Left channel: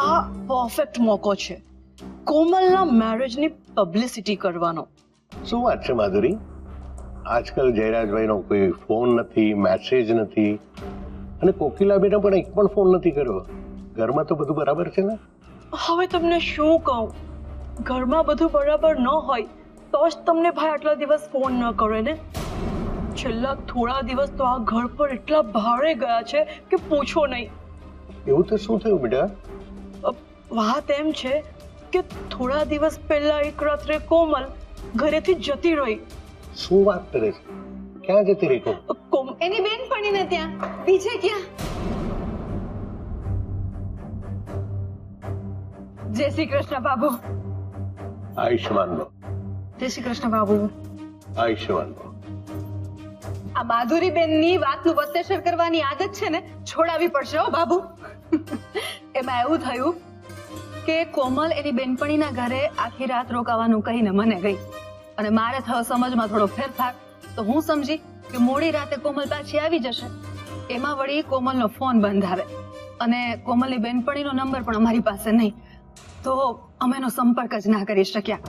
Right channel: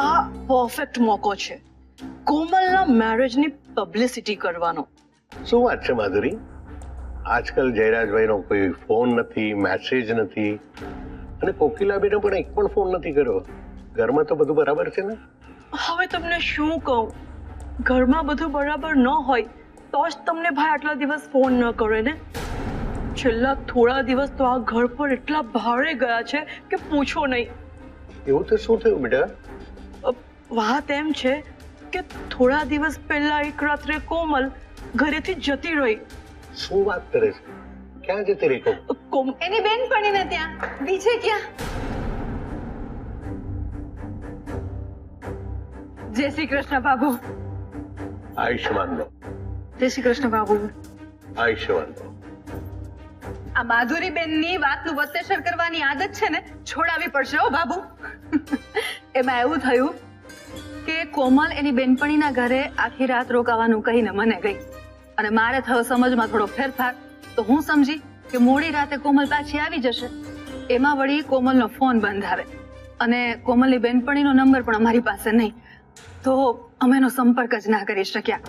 આ પરફેક્ટ મોકો છે કોમલના મેરેજની પબ્લિસિટી કરવાનો. શું વાત છે માધુરી? આજકાલ જયરાજભાઈનો કોઈ ફોન નથી, મેસેજ નથી, અને કોકિલાબેને પણ એક પણ ફોન નથી કર્યો. ઘરમાં તો બધું બરાબર છે ને? હવે તમને શું કહું, ઘરમાં બધું બરાબર ન હોય તો જ તમને ભાઈ આટલા દિવસ ફોન ન કરે ને. છેલ્લા થોડા દિવસ તો આ ઘર પર એટલા ભારે ગયા છે કે પૂછો નહીં. એવું તો શું થયું બેટા? વાત એમ છે કે થોડા દિવસ પહેલા એક રાત્રે કોમલ ઘરેથી જતી રહી. શું વાત કરે છે? ક્યાં જતી રહી કોમલ? એની બેનપણીને ત્યાં. બીજે ક્યાં? જય શ્રી કૃષ્ણ બાબુ. આયુષ્માન ભવ. જય શ્રી કૃષ્ણ બાબુ. આયુષ્માન ભવ. આ માધુરી બેનની વાતનું વત્તેસર કરવાની આદત છે ને, છોડાવી પડશે હો બાબુ. એમાં એવું થયું કે કોમલ એની બેનપણીના ઘરે આખી રાત રોકાવાનું કહીને મને ગઈ, અને મારે થયો સમજમાં થોડો ફેરફાર. તો હું સમજી કે મોડી રાતે કોમલ પાછી આવી જશે. એમાં વળી કોમલનો ફોન બંધ આવે, અને કોમલની બેનપણીનો નંબર પણ અમારી પાસે નહીં, તો અમે એનો સંપર્ક જ ના કરી શક્યા.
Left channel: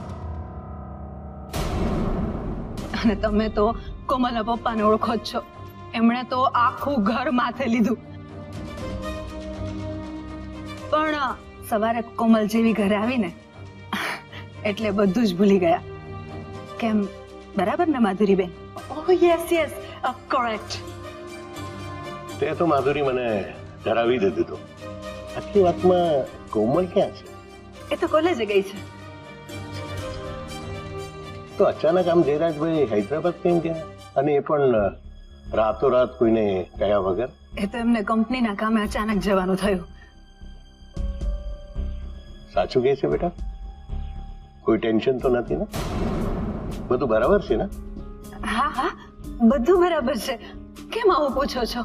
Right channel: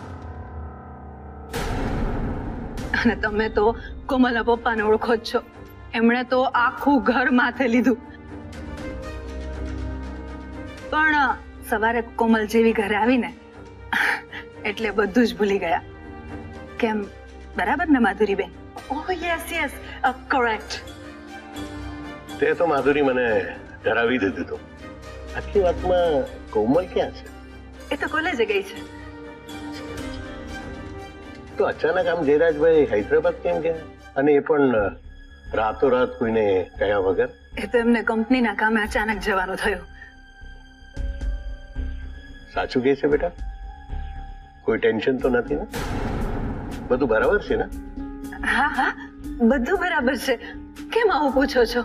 અને તમે તો કોમલના પપ્પાને ઓળખો જ છો, એમણે તો આખું ઘર માથે લીધું. પણ સવારે કોમલ જેવી ઘરે આવીને એટલે બધું જ ભૂલી ગયા. કેમ, બરાબર ને માધુરીબેન? ઓહ યસ યસ, કરેક્ટ. તે તો માધુરી મને ડરાવી દીધું તો. આખી વાતમાં કોમલ ક્યાં છે? એ તો કોલેજે ગઈ છે. તો અચાનક આમ જયરાજભાઈ હૈદરાબાદ કેમ ગયા? અને એ પણ રાતોરાત કોઈને કયા વગર? એ તો એમને કંપનીના કામે અચાનક જવાનું થયું. સાચું કહે છે બેટા? કોઈ ટેન્શન તો નથી ને? બધું બરાબર છે ને? હા હા, બધું બરાબર છે. કેમ આવું પૂછો છો?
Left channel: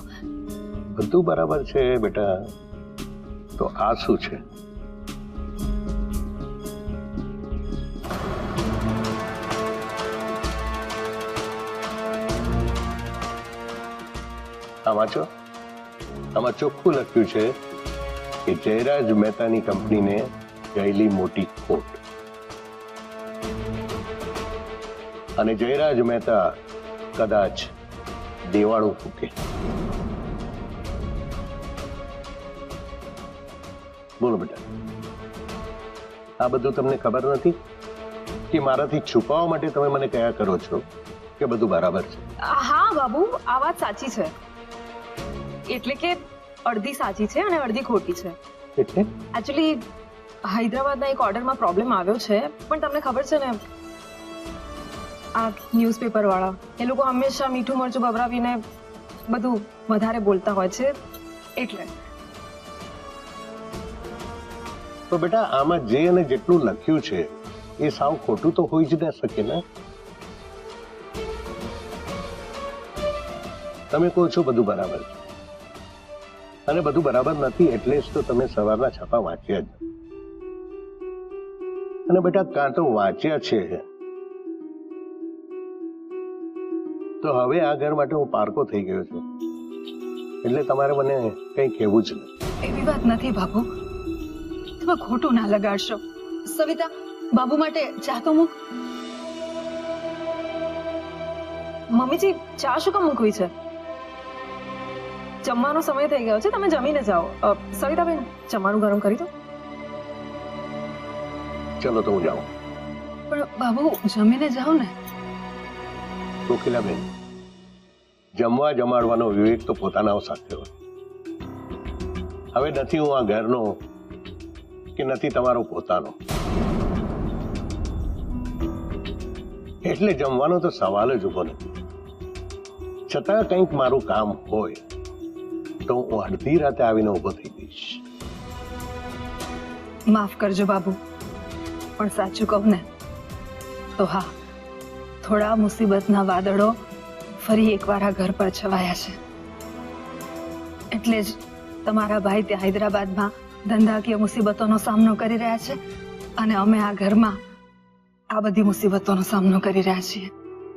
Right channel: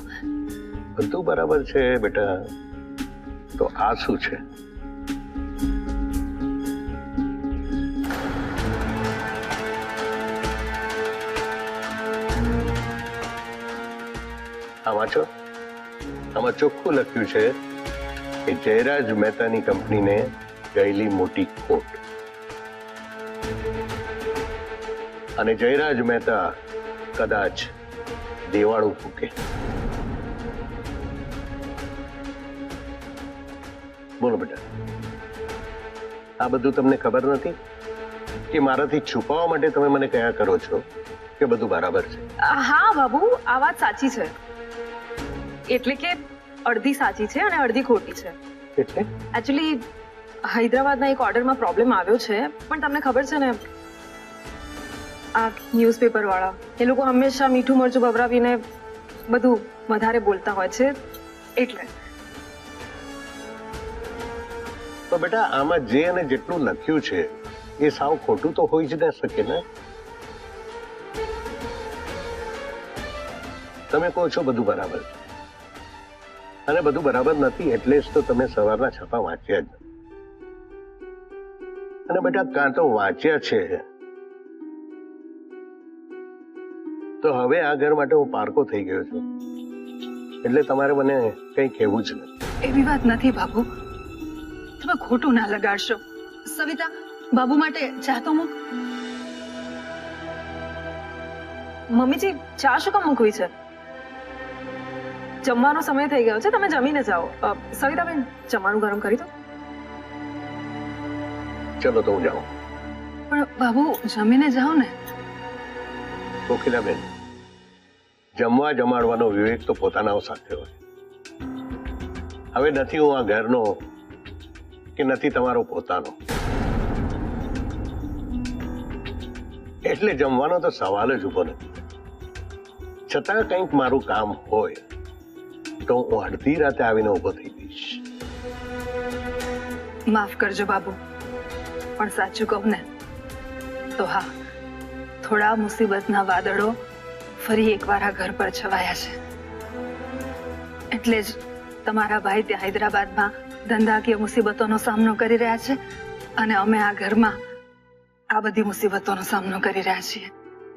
બધું બરાબર છે બેટા. તો આ શું છે? આ વાંચો. આમાં ચોખ્ખું લખ્યું છે કે જયરાજ મહેતાની કંપનીને ગયેલી મોટી ખોટ, અને જયરાજ મહેતા કદાચ દેવાળું ફૂકે. બોલો બેટા, આ બધું તમને ખબર નથી કે મારાથી છુપાવવા માટે તમે મને કયા કરો છો કે બધું બરાબર છે? હા બાબુ, આ વાત સાચી છે. એટલે કે અડધી સાચી છે અને અડધી ખોટી છે. એટલે એકચ્યુઅલી હૈદરાબાદના એક ઓર્ડરમાં પ્રોબ્લેમ આવ્યો છે, પણ તમને ખબર છે ને, આ ન્યૂઝપેપર વાળા એ લોકો હંમેશા મીઠું મરચું ભભરાવીને બધું વધારે બોલતા હોય છે, એટલે. તો બેટા, આમાં જે અને જેટલું લખ્યું છે એ સાવ ખોટું તો હોઈ જ ન શકે ને? તમે કહો છો બધું બરાબર છે, અને બધું બરાબર નથી એટલે જ તો તમે સવારના છાપા વાંચ્યા જ નથી. અને બેટા, કાં તો વાંચ્યા છે તો હવે આ ઘર માટે હું પારકો થઈ ગયો છું, એટલે તમારે મને કંઈ કહેવું જ નથી. એવી વાત નથી બાબુ, તમે ખોટું ના લગાડશો. સવિતા, બાબુ માટે ચા તો મૂક. મમ્મીજી, ચા શું કામ મૂકવી છે? જમવાનો સમય થઈ ગયો છે, તમે જમીને જાઓ. સવિતાબેન, જમવાનું ગરમ કરી દો. ચલો તો હું જાઉં. પણ બાબુ, જમીને જાઓ ને. કોકિલાબેન, જમવા જમાડવાનો વિવેક તો પોતાના સાથે હોય. હવે નથી હું આ ઘરનો કે નથી તમારો પોતાનો, એટલે જમવાનો તો સવાલ જ ઉભો નથી. છતાં કંઈક મારું કામ હોય તો હું અડધી રાતે આવીને ઉભો થઈ જઈશ. માફ કરજો બાબુ, પણ સાચું કહું ને તો હા, થોડા મુસીબતના વાદળો ફરી એકવાર આ ઘર પર છવાયા છે. એટલે જ તમારા ભાઈ ત્યાં હૈદરાબાદમાં ધંધાકીય મુસીબતોનો સામનો કરી રહ્યા છે, અને અમે આ ઘરમાં આ બધી મુસીબતોનો સામનો કરી રહ્યા છીએ.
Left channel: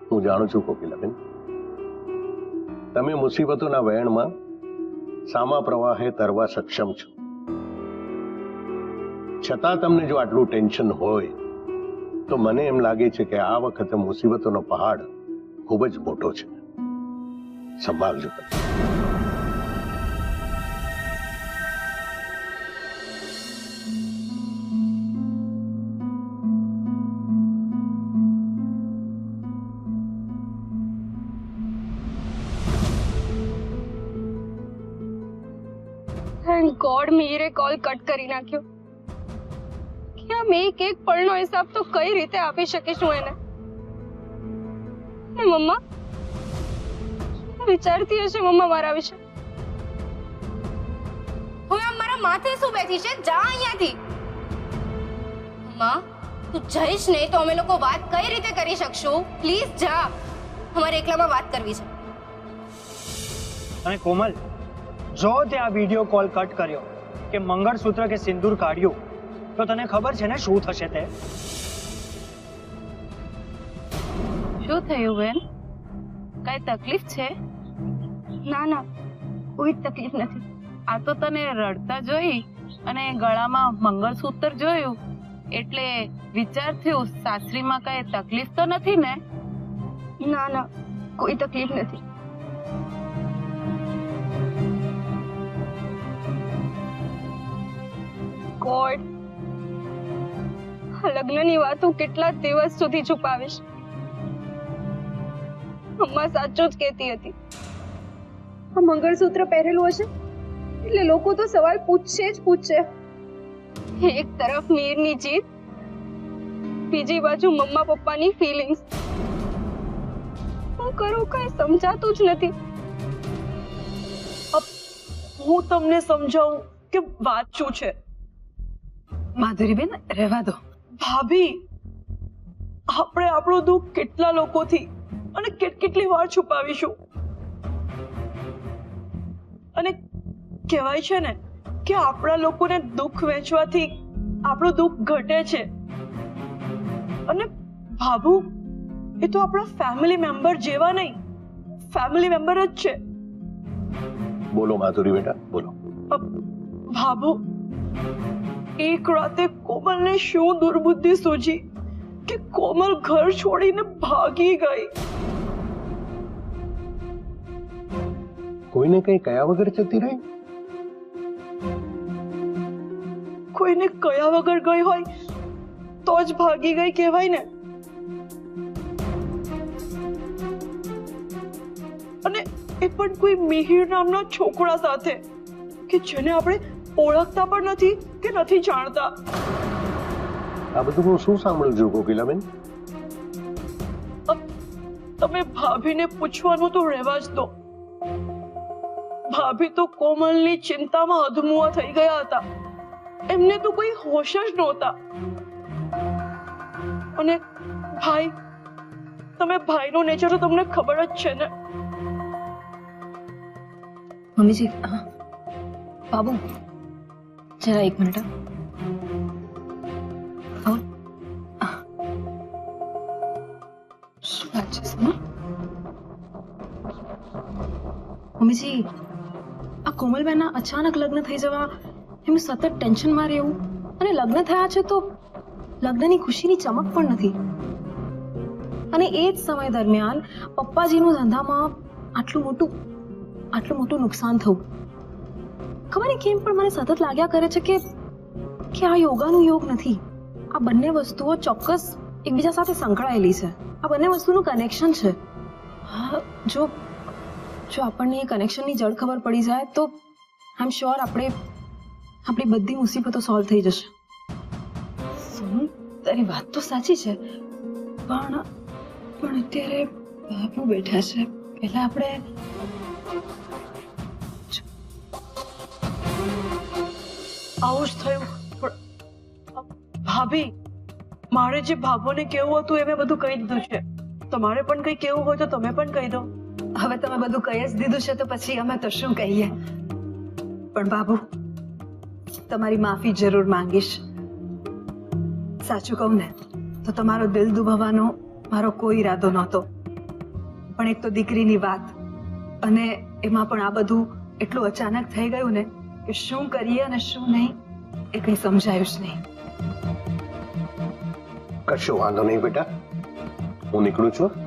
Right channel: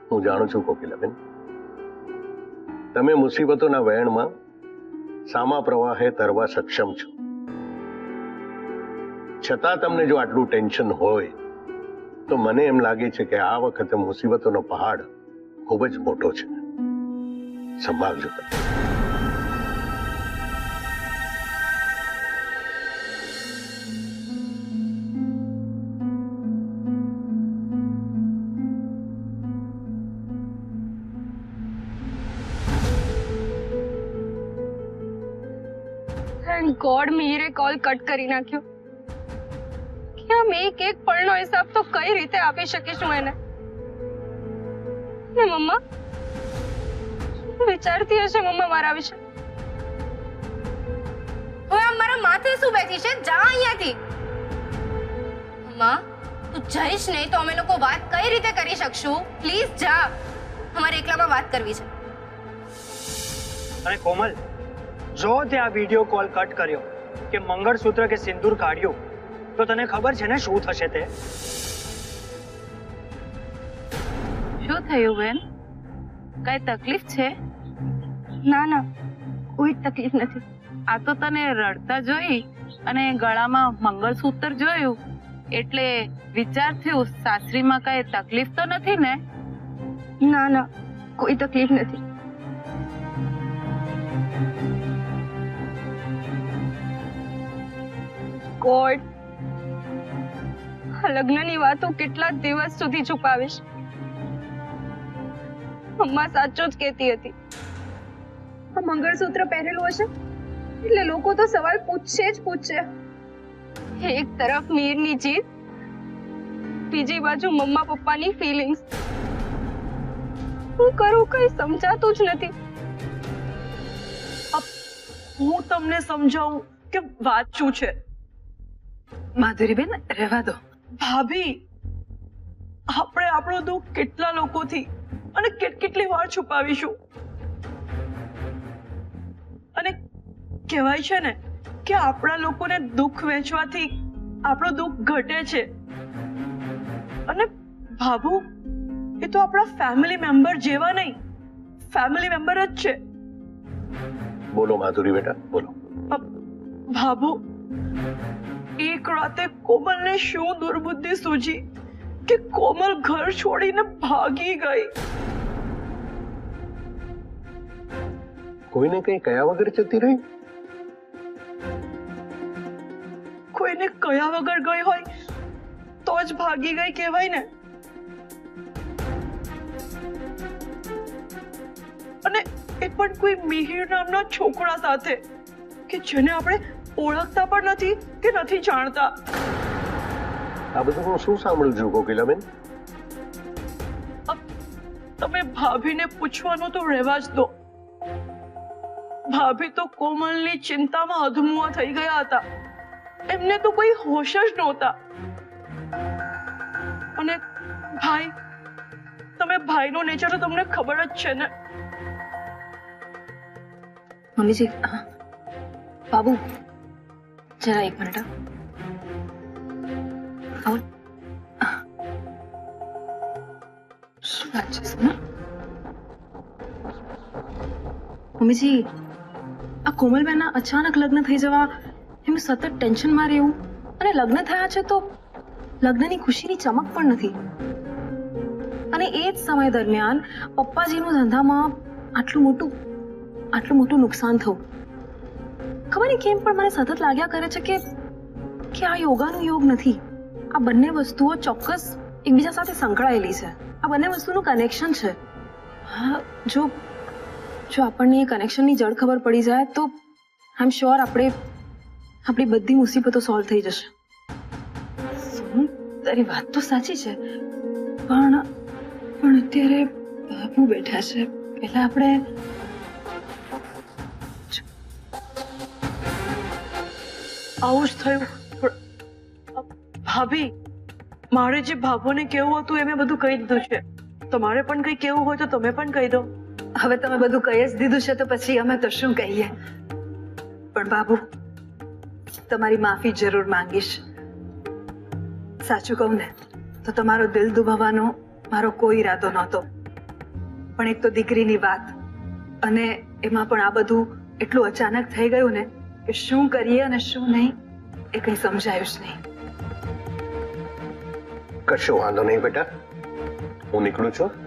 હું જાણું છું કોકિલાબેન, તમે મુસીબતોના વહેણમાં સામા પ્રવાહે તરવા સક્ષમ છો, છતાં તમને જો આટલું ટેન્શન હોય તો મને એમ લાગે છે કે આ વખતે મુસીબતોનો પહાડ ખૂબ જ મોટો છે. સંભાળજો તમે. થેન્ક ગોડ મીરે કોલ કટ કરી નાખ્યો. કે આમ એક પળનો હિસાબ તો કઈ રીતે આપી શકીશું એને. ને મમ્મા શું વિચારતી હશે મમ્મા મારા વિશે? હવે આમ મારા માથે શું બેઠી છે? જા અહીંયાથી. મમ્મા તું જઈશ નહીં તો અમે લોકો વાત કઈ રીતે કરી શકશું? પ્લીઝ જા, અમારે એકલામાં વાત કરવી છે. અને કોમલ, જો તે આ વિડિયો કોલ કટ કર્યો કે મંગળસૂત્ર કે સિંદૂર કાઢ્યું તો તને ખબર છે ને શું થશે તે? શું થયું બેન? કઈ તકલીફ છે? ના ના, કોઈ તકલીફ નથી. આ તો તને રડતા જોઈ અને ગળામાં મંગળસૂત્ર જોયું એટલે વિચાર થયું સાસરીમાં કઈ તકલીફ તો નથી ને? ના ના, કોઈ તકલીફ નથી. ગોડ, આ લગ્નની વાતો કેટલા દિવસ સુધી છુપાવીશ? અમ્મા સાચું જ કહેતી હતી. આ મંગળસૂત્ર પહેરેલું હશે એટલે લોકો તો સવાલ પૂછશે જ પૂછશે. એક તરફ મીરની જીત, બીજી બાજુ મમ્મા પપ્પાની ફિલિંગ્સ. હું કરું કઈ સમજાતું જ નથી. હું તમને સમજાવું કે વાત શું છે. માધુરીબેન રહેવા દો. ભાભી, આપણે આપણું દુઃખ કેટલા લોકોથી અને કેટલી વાર છુપાવીશું? અને કહેવાય છે ને કે આપણા લોકોને દુઃખ વહેંચવાથી આપણું દુઃખ ઘટે છે. અને ભાભુ, એ તો આપણા ફેમિલી મેમ્બર જેવા નહીં, ફેમિલી મેમ્બર જ છે. બોલો માધુરી બેટા, બોલો. ભાભુ, એક રાતે કોમલને શું દુર્બુદ્ધિ સૂજી કે કોમલ ઘર છોડીને ભાગી ગઈ. કોઈને કઈ કયા વગર જતી રહી? કોઈને કયા વગર ગઈ હોય તો જ ભાગી ગઈ કહેવાય ને. અને એ પણ કોઈ મિહિર નામના છોકરા સાથે કે જેને આપણે ઓળખતા પણ નથી કે નથી જાણતા. આ બધું હું શું સાંભળું છું કોકિલાબેન? તમે ભાભીને પૂછવાનું તો રહેવા જ દો. ભાભી તો કોમલની ચિંતામાં અધમુઆ થઈ ગયા હતા. એમને તો કોઈ હોશ જ નહોતા. અને ભાઈ, તમે ભાઈનો નેચર તો તમને ખબર જ છે ને. મમ્મીજી, બાબુ જરા એક મિનિટ આવો. શું વાત છે સોના? મમ્મીજી, આ કોમલબેનના અચાનક લગ્ન થઈ જવા એમનું સતત ટેન્શનમાં રહેવું અને લગ્ન થયા છે તો લગ્નની ખુશીની ચમક પણ નથી. અને એ જ સમય દરમિયાન પપ્પાજીનું ધંધામાં આટલું મોટું નુકસાન થયું. ખબર નહીં કેમ પણ મને સતત લાગ્યા કરે છે કે આ યોગાનું યોગ નથી. આ બંને વસ્તુઓ ચોક્કસ એકબીજા સાથે સંકળાયેલી છે. આ બંને વસ્તુનું કનેક્શન છે. હા, જો આપણને એ કનેક્શનની જડ ખબર પડી જાય તો આઈ એમ શ્યોર આપણી બધી મુસીબતો સોલ્વ થઈ જશે. તારી વાત તો સાચી છે, પણ અત્યારે બાબુ બેઠા છે. પહેલા આપણે આવું જ થયું. ભાભી, મારે જે ભાભોને કેવું હતું એ મેં બધું કહી દીધું છે. તમારે પણ કંઈ કેવું હોય તો તમે પણ કહી દો. હવે તમે બધું કહી જ દીધું છે તો પછી અમે તો શું કહીએ. પણ બાબુ, તમારી માફી જરૂર માંગીશ. સાચું કહું ને તો તમારો દિલ દુભાવવાનો મારો કોઈ ઈરાદો નહોતો. પણ એક તો દીકરીની વાત, અને એમાં પણ આ બધું એટલું અચાનક થઈ ગયું ને કે શું કરીએ અને શું નહીં એ કંઈ સમજાયું જ નહીં. કશો વાંધો નહીં બેટા, હું નીકળું છું.